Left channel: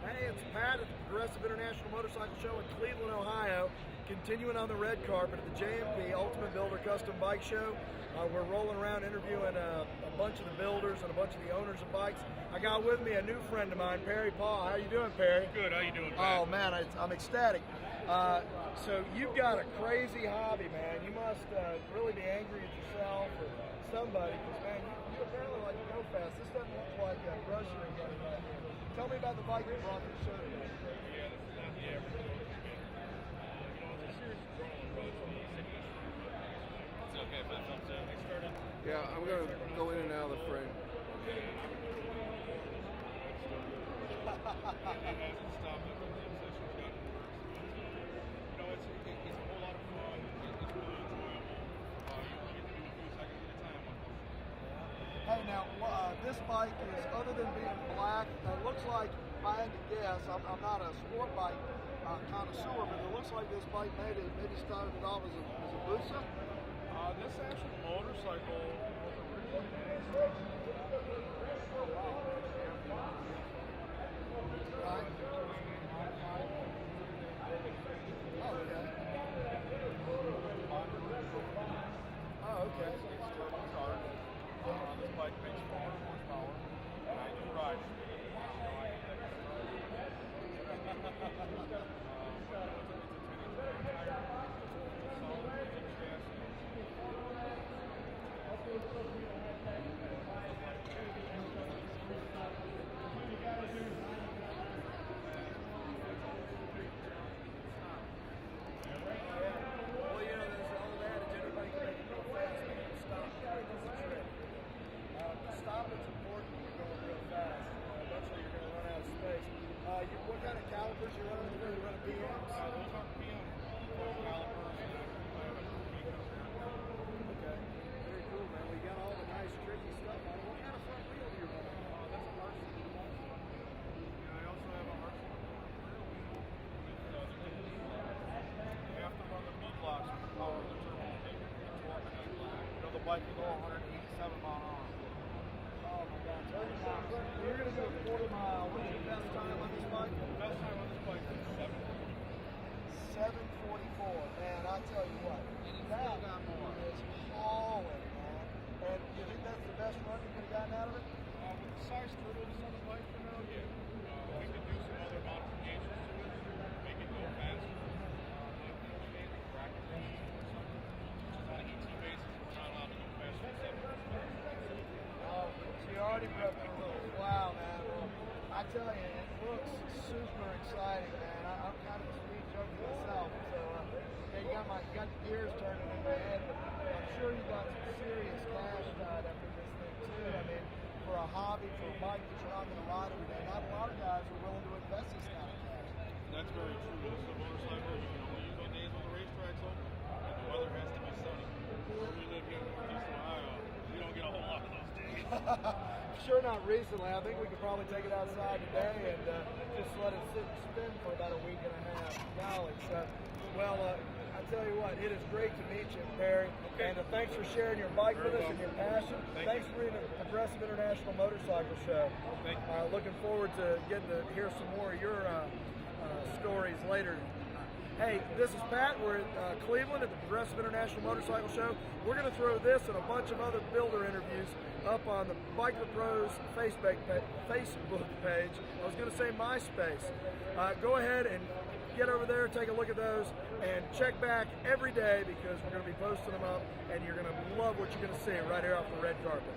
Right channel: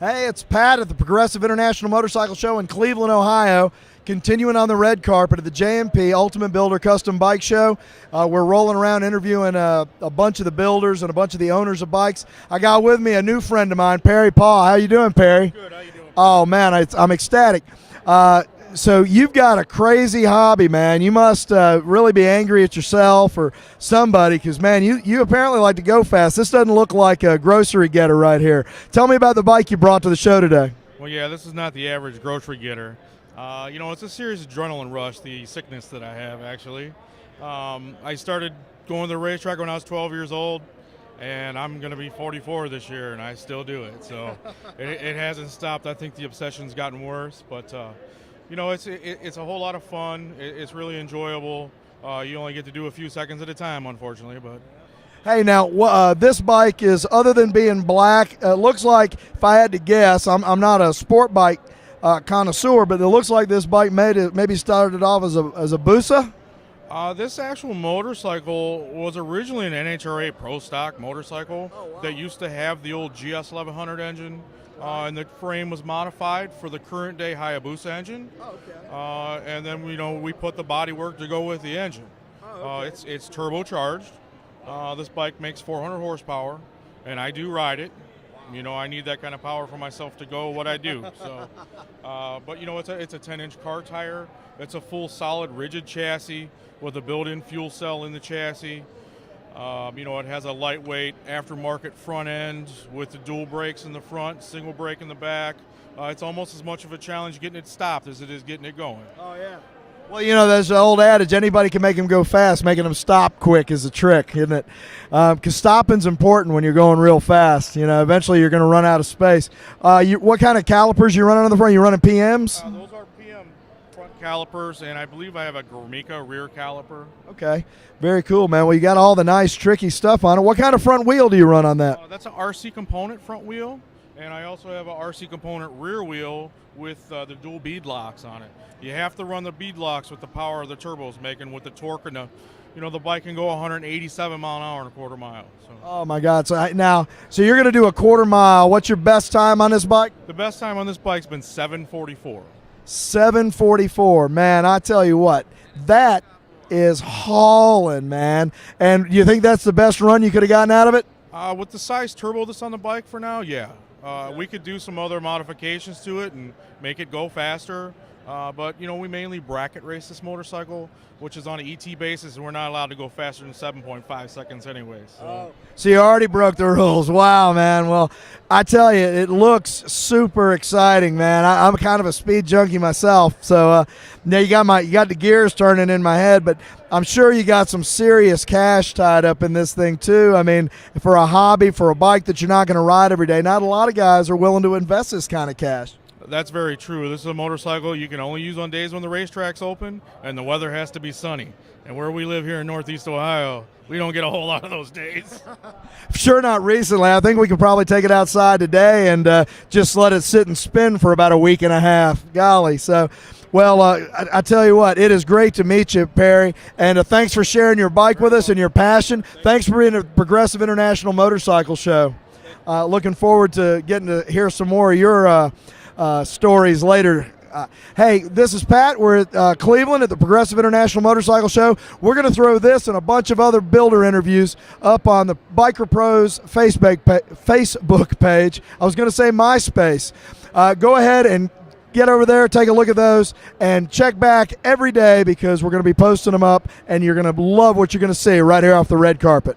Hey, it's Pat at the Progressive International Motorcycle Show in Cleveland, Ohio. Continuing on the red carpet at the JMP Ultimate Builder Custom Bike Show. We're rolling around interviewing a bunch of the builders and a bunch of the owners of bikes. I got with me a new friend of mine, Perry Paugh. How you doing, Perry? Good. How you doing? Oh, man, I'm ecstatic. So you've got a crazy hobby, man. You must really be angry at yourself or somebody because, man, you apparently like to go fast. This doesn't look like a grocery getter right here. Tell me about the bike you brought to the show today. Well, yeah, this is not the average grocery getter. It's a serious adrenaline rush, the sickness that I have, actually. I started going to the racetrack when I was 12 years old, and I'm going to be 44 this year, and I still do it. So it hasn't stopped. I think the obsession's gotten worse, but it's a whole lot of fun. It's really enjoyable. You only get to do a few seconds at a time, unfortunately. But hey, now this bike is, other than being black, it looks like, if I had to guess, I'm not a sport bike connoisseur, but it looks like this bike maybe started off as a Busa. This actual motorcycle was originally an NHRA Pro Stock motorcycle that used to have the old GS 1100 engine, and the frame was modified for the current day Hayabusa engine. And then we put the body work to go with the engine. It's turbocharged. This bike makes 400 horsepower, and I do ride it. I need that kind of power for myself to go what I do. So, but it's a 10-inch car tire. It's a full solid rigid chassis with a built-in fuel cell in the chassis. It has a lightweight aftermarket front end with the dual brakes in the front, single brake in the back. It's almost as much of a challenge getting it stopped as it is getting it going. Oh, yeah. Well, there's the old adage, anybody can make them go fast. Making them stop quick is a trick, isn't it? Because stopping's important when you're going real fast. Eventually you're going to run out of space. What kind of calipers you running on the front? You running PMs? Those are PM front calipers, and I believe I have a Gormica rear caliper. Okay, very cool, man. Well, you got all the nice, tricky stuff on it. What kind of front wheel do you run on that? That's an RC component front wheel, and I also have a RC component rear wheel with the dual bead locks on it. You have to run the bead locks with the power of the turbos making with the torque, and the bike can go 187 mile an hour in a quarter mile. So. Oh my God! So you're going to do a quarter mile. What's your best time on this bike? The best time on this bike's been 7:44. 7:44, man! I tell you what, that is hauling, man. And you think that's the best run you could have gotten out of it? With the size turbo that's on the bike for now, yeah. We could do some other modifications to it and make it go faster. But we mainly bracket race this motorcycle, which is on an ET basis, and we're not allowed to go faster than 7.5 seconds anyways. So you already broke the rules. Wow, man. Well, I tell you, it looks super exciting, man. I'm kind of a speed junkie myself, so now you got the gears turning in my head, but I'm sure you got some serious cash tied up in this thing too. I mean, for a hobby, for a bike that you're not going to ride every day, not a lot of guys are willing to invest this kind of cash. That's very true. This is a motorcycle you can only use on days when the racetrack's open and the weather has to be sunny. And where we live here in Northeast Ohio, we don't get a whole lot of those days. Sure, not recently. I think we can probably take it outside today and just let it sit and spin for about a week and a half. Golly. So, well, I tell you what, it is great to meet you, Perry. And thanks for sharing your bike with us and your passion. Thanks for being at the Progressive International Motorcycle Show. Looking forward to getting to hear some more of your stories later. Hey, this is Pat. We're at Cleveland at the Progressive International Motorcycle Show. We're going to throw this and a bunch of other builder interviews up on the Biker Pros Facebook page. I was going to say MySpace. Go ahead and get over there, take a look at those, and check back every day because we're going to be posting them up, and you're going to love what you're going to see right here off the red carpet.